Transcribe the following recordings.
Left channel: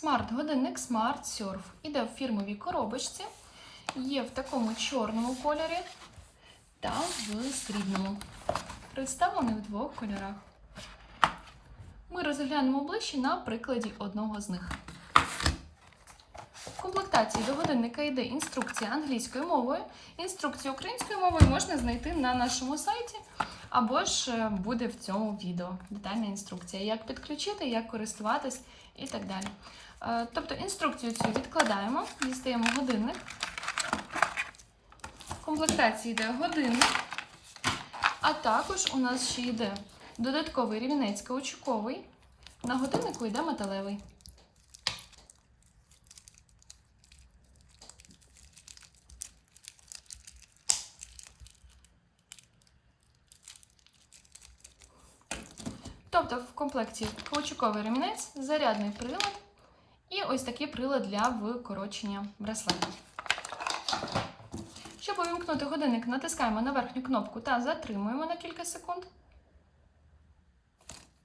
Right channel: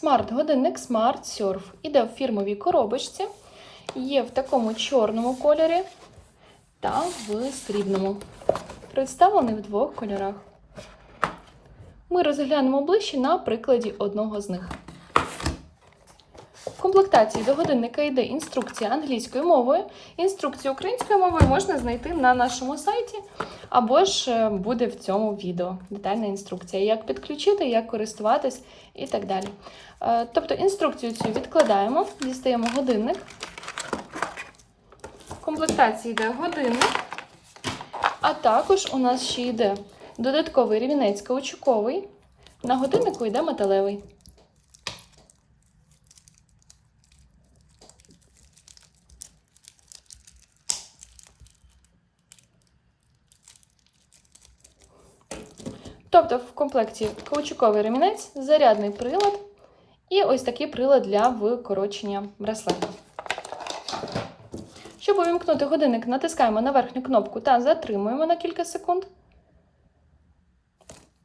Смарт-годинник Smart Surf. Іде в фірмовій коробочці. Є в такому чорному кольорі та в срібному. Представлений в двох кольорах. Ми розглянемо ближче на прикладі одного з них. В комплектації до годинника йде інструкція англійською мовою. Інструкцію українською мовою можна знайти на нашому сайті, або ж е, буде в цьому відео детальна інструкція, як підключити, як користуватись і так далі. Е, Тобто інструкцію цю відкладаємо, дістаємо годинник. В комплектації йде годинник, а також у нас ще йде додатковий рівнець каучуковий. На годиннику йде металевий. Тобто в комплекті каучуковий ремінець, зарядний прилад і ось такий прилад для викорочення браслета. Щоб увімкнути годинник, натискаємо на верхню кнопку та затримуємо на кілька секунд.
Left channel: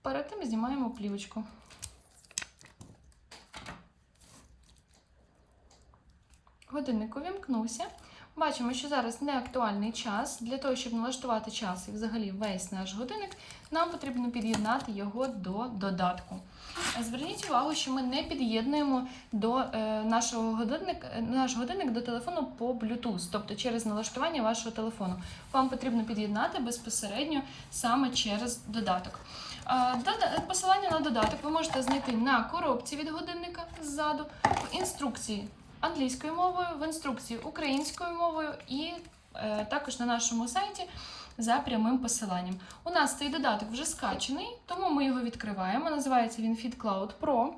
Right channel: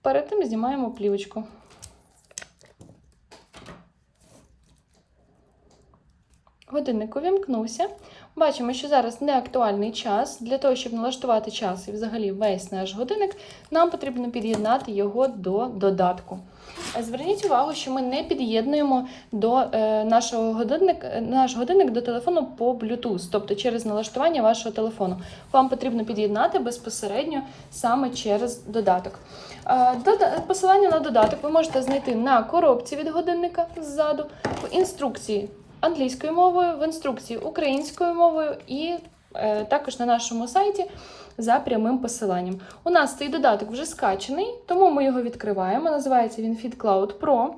Перед тим знімаємо плівочку. Годинник увімкнувся. Бачимо, що зараз не актуальний час. Для того, щоб налаштувати час і взагалі весь наш годинник, нам потрібно під'єднати його до додатку. Зверніть увагу, що ми не під'єднуємо до е, нашого годинник, е, наш годинник до телефону по Bluetooth, тобто через налаштування вашого телефону. Вам потрібно під'єднати безпосередньо саме через додаток. Посилання на додаток ви можете знайти на коробці від годинника ззаду, в інструкції англійською мовою, в інструкції українською мовою і е, також на нашому сайті за прямим посиланням. У нас цей додаток вже скачений, тому ми його відкриваємо. Називається він FitCloud Pro.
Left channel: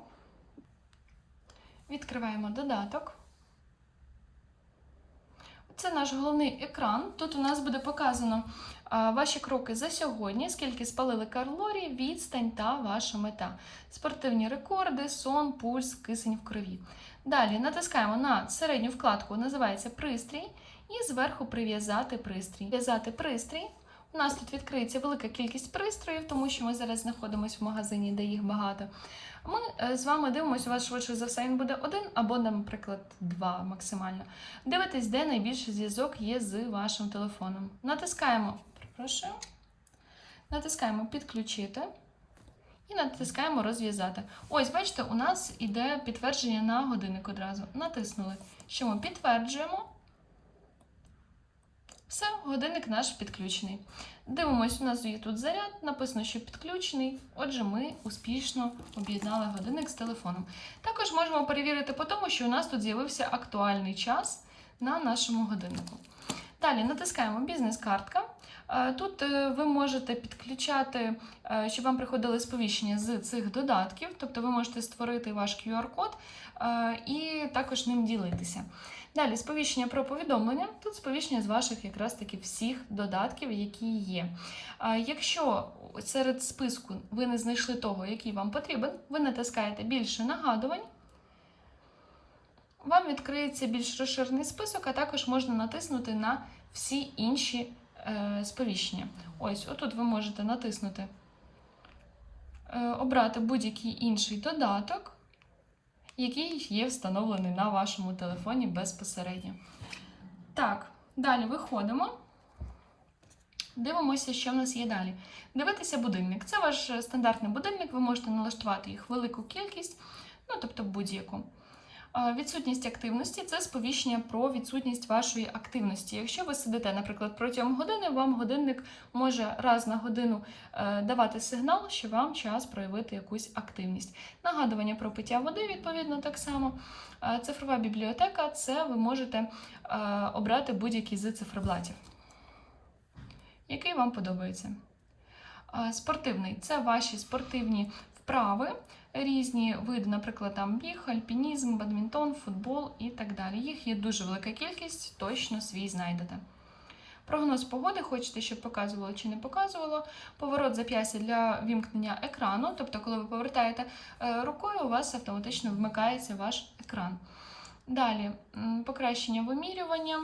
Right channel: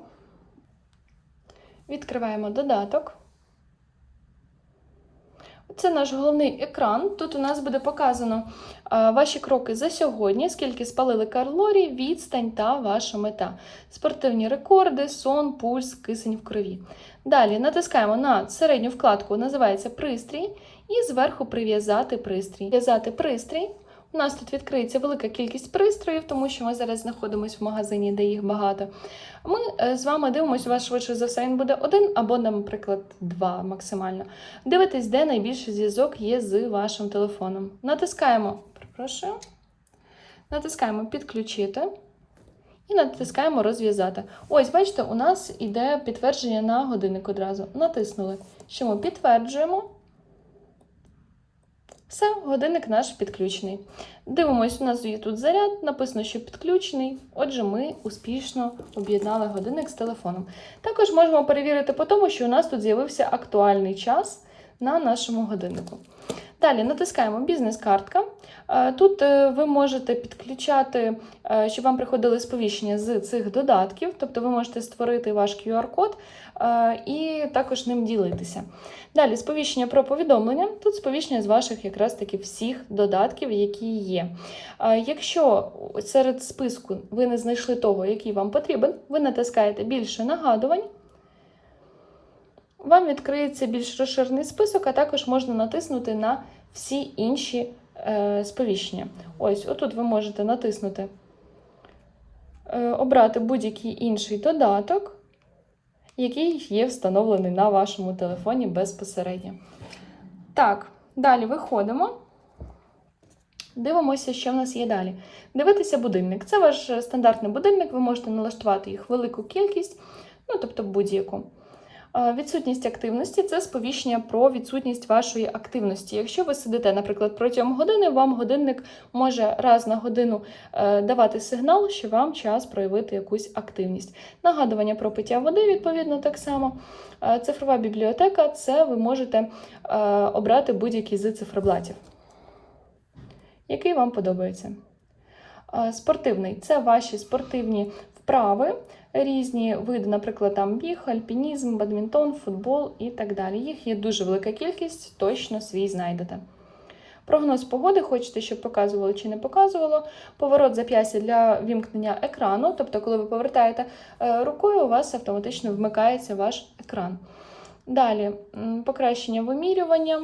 Відкриваємо додаток. Це наш головний екран. Тут у нас буде показано а, ваші кроки за сьогодні, скільки спалили калорій, відстань та ваша мета. Спортивні рекорди, сон, пульс, кисень в крові. Далі натискаємо на середню вкладку, називається пристрій, і зверху прив'язати пристрій. В'язати пристрій. У нас тут відкриється велика кількість пристроїв, тому що ми зараз знаходимося в магазині, де їх багато. Ми е, з вами дивимося, у вас швидше за все він буде один або, наприклад, два максимально. Дивитесь, де найбільший зв'язок є з вашим телефоном. Натискаємо, перепрошую, натискаємо підключити. І натискаємо розв'язати. Ось, бачите, у нас іде підтвердження на годинник одразу. Натиснули, що ми підтверджуємо. Все, годинник наш підключений. Дивимось, у нас є тут заряд, написано, що підключений. Отже, ми успішно об'єднали годинник з телефоном. Також можемо перевірити по тому, що у нас тут з'явився актуальний час на нашому годиннику. Далі натискаємо бізнес-картка. Е, Тут е, ви можете підключати, е, щоб вам приходили сповіщення з цих додатків, тобто ви можете створити ваш QR-код і також ним ділитися. Далі сповіщення про повідомлення. Тут сповіщення з ваших якраз таки всіх додатків, які є. Якщо серед списку ви не знайшли того, який вам потрібен, ви натискаєте більше нагадувань. Вам відкриється більш розширений список, а також можна натиснути на всі інші сповіщення. Ось, отут ви можете натиснути, е, обрати будь-який інший додаток, який є встановлений на вашому телефоні безпосередньо. Так, далі виходимо. Дивимося, що в нас є далі. Дивитися будильник. Це ваш е, стандартний будильник, ви можете налаштувати їх велику кількість, ну тобто будь-яку. Е, Відсутність активності це сповіщення про відсутність вашої активності. Якщо ви сидите, наприклад, протягом години, вам годинник може раз на годину е, давати сигнал, що вам час проявити якусь активність. Нагадування про пиття води, відповідно, так само. Е, Цифрова бібліотека це ви можете обрати будь-який з циферблатів, який вам подобається. Спортивний це ваші спортивні вправи, різні види, наприклад, там біг, альпінізм, бадмінтон, футбол і так далі. Їх є дуже велика кількість, точно свій знайдете. Прогноз погоди, хочете, щоб показувало чи не показувало. Поворот зап'ястя для вімкнення екрану, тобто, коли ви повертаєте е, рукою, у вас автоматично вмикається ваш екран. Далі покращення вимірювання.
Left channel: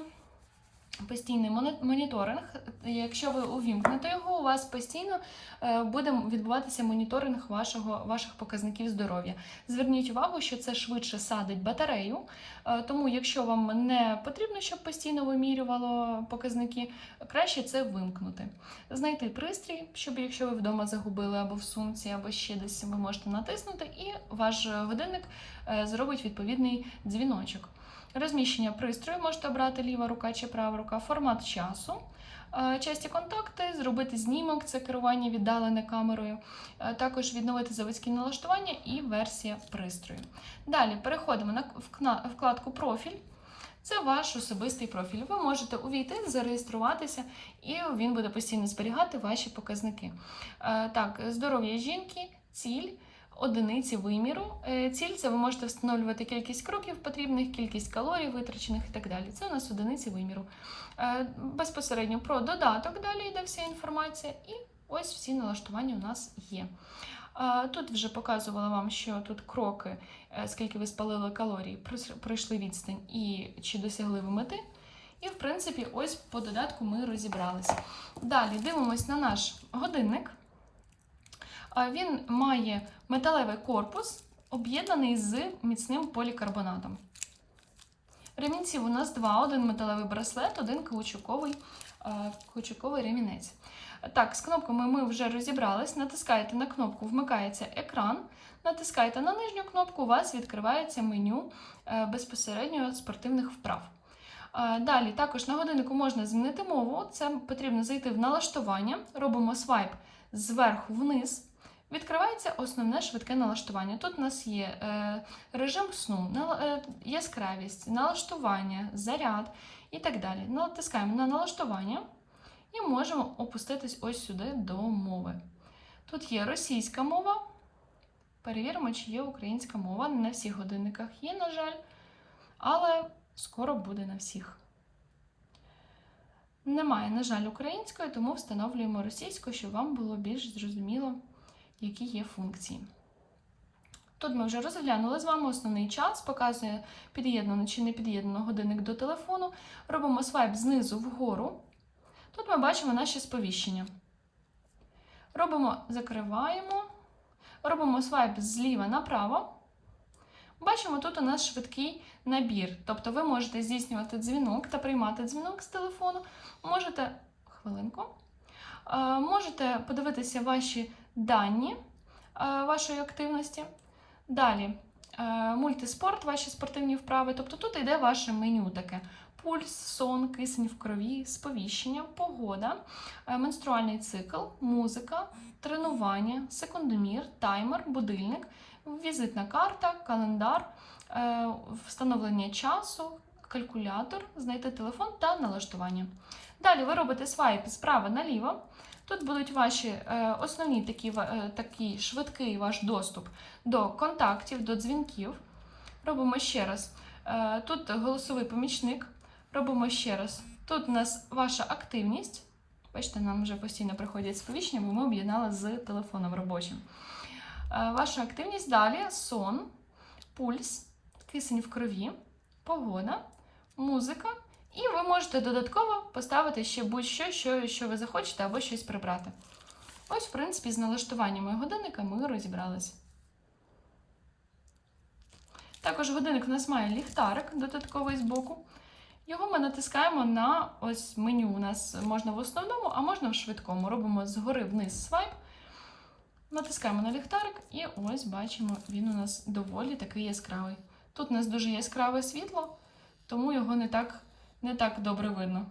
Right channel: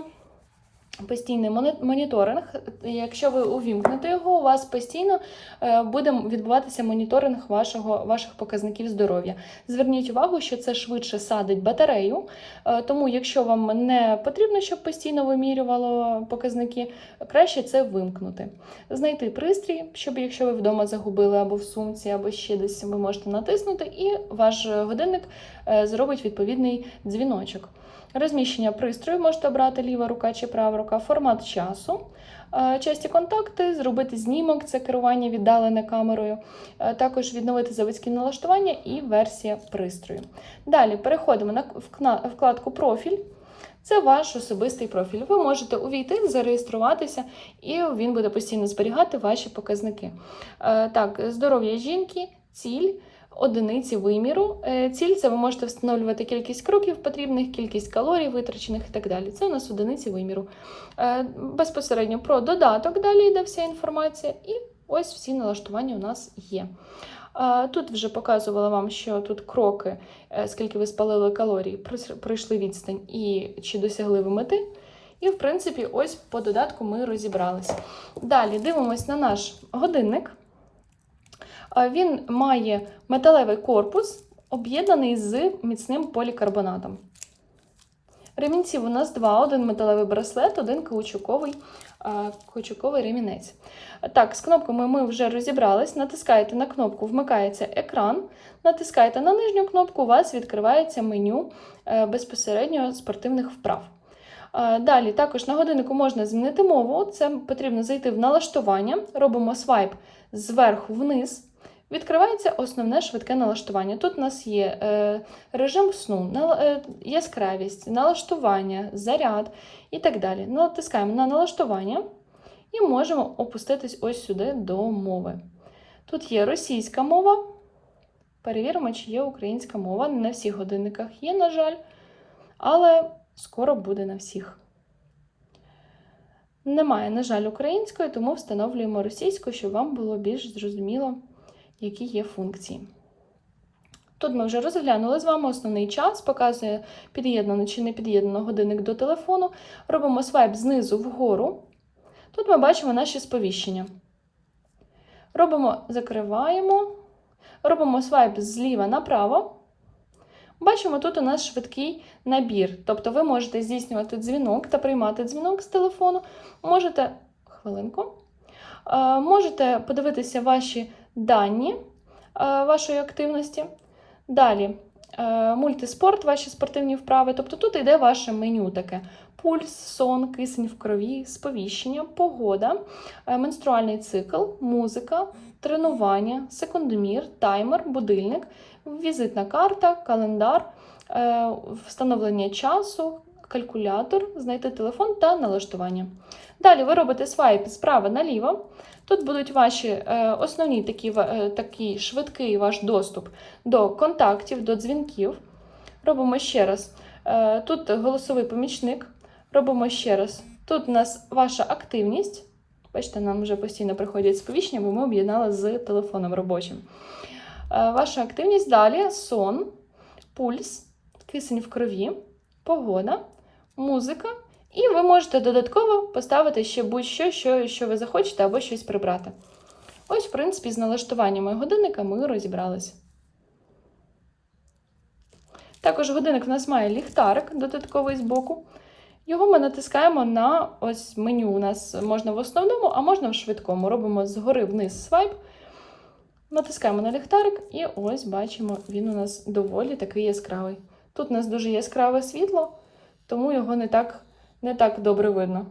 Постійний моніторинг. Якщо ви увімкнете його, у вас постійно е, буде відбуватися моніторинг вашого, ваших показників здоров'я. Зверніть увагу, що це швидше садить батарею, е, тому якщо вам не потрібно, щоб постійно вимірювало показники, краще це вимкнути. Знайти пристрій, щоб якщо ви вдома загубили або в сумці, або ще десь ви можете натиснути, і ваш годинник е, зробить відповідний дзвіночок. Розміщення пристрою можете обрати ліва рука чи права рука, формат часу. е, Часті контакти, зробити знімок, це керування віддалене камерою, е, також відновити заводські налаштування і версія пристрою. Далі переходимо на вкладку Профіль. Це ваш особистий профіль. Ви можете увійти, зареєструватися, і він буде постійно зберігати ваші показники. Е, Так, здоров'я жінки, ціль, одиниці виміру. Е, Ціль це ви можете встановлювати кількість кроків потрібних, кількість калорій витрачених і так далі. Це у нас одиниці виміру. Е, Безпосередньо про додаток далі йде вся інформація, і ось всі налаштування у нас є. Е, Тут вже показувала вам, що тут кроки, скільки ви спалили калорій, пройшли відстань і чи досягли ви мети. І, в принципі, ось по додатку ми розібралися. Далі дивимось на наш годинник. Він має металевий корпус, об'єднаний з міцним полікарбонатом. Ремінців у нас два: один металевий браслет, один каучуковий, каучуковий ремінець. Так, з кнопками ми вже розібрались. Натискаєте на кнопку Вмикається екран. Натискаєте на нижню кнопку, у вас відкривається меню е, безпосередньо спортивних вправ. Е, Далі також на годиннику можна змінити мову. Це потрібно зайти в налаштування. Робимо свайп зверху вниз. Відкривається основне швидке налаштування. Тут у нас є е, режим сну, е, яскравість, налаштування, заряд і так далі. Натискаємо на налаштування і можемо опуститись ось сюди до мови. Тут є російська мова. Перевіримо, чи є українська мова. Не на всіх годинниках є, на жаль, але скоро буде на всіх. Немає, на жаль, української, тому встановлюємо російську, щоб вам було більш зрозуміло, які є функції. Тут ми вже розглянули з вами основний час, показує під'єднано чи не під'єднано годинник до телефону. Робимо свайп знизу вгору. Тут ми бачимо наші сповіщення. Робимо, закриваємо, робимо свайп зліва направо. Бачимо, тут у нас швидкий набір. Тобто ви можете здійснювати дзвінок та приймати дзвінок з телефону. Можете хвилинку. Е, Можете подивитися ваші дані е, вашої активності. Далі е, мультиспорт, ваші спортивні вправи. Тобто тут йде ваше меню таке: пульс, сон, кисень в крові, сповіщення, погода, е, менструальний цикл, музика, тренування, секундомір, таймер, будильник, візитна карта, календар, встановлення часу, калькулятор, знайти телефон та налаштування. Далі ви робите свайп справа наліво. Тут будуть ваші е, основні такі, е, такий швидкий ваш доступ до контактів, до дзвінків. Робимо ще раз. Е, тут голосовий помічник. Робимо ще раз. Тут у нас ваша активність. Бачите, нам вже постійно приходять сповіщення, бо ми об'єднали з телефоном робочим. Ваша активність далі сон, пульс, кисень в крові, погода, музика. І ви можете додатково поставити ще будь-що, що, що ви захочете, або щось прибрати. Ось, в принципі, з налаштуваннями годинника ми розібралися. Також годинник в нас має ліхтарик додатковий збоку. Його ми натискаємо на ось меню. У нас можна в основному, а можна в швидкому. Робимо згори вниз свайп. Натискаємо на ліхтарик, і ось бачимо, він у нас доволі такий яскравий. Тут у нас дуже яскраве світло, тому його не так, не так добре видно.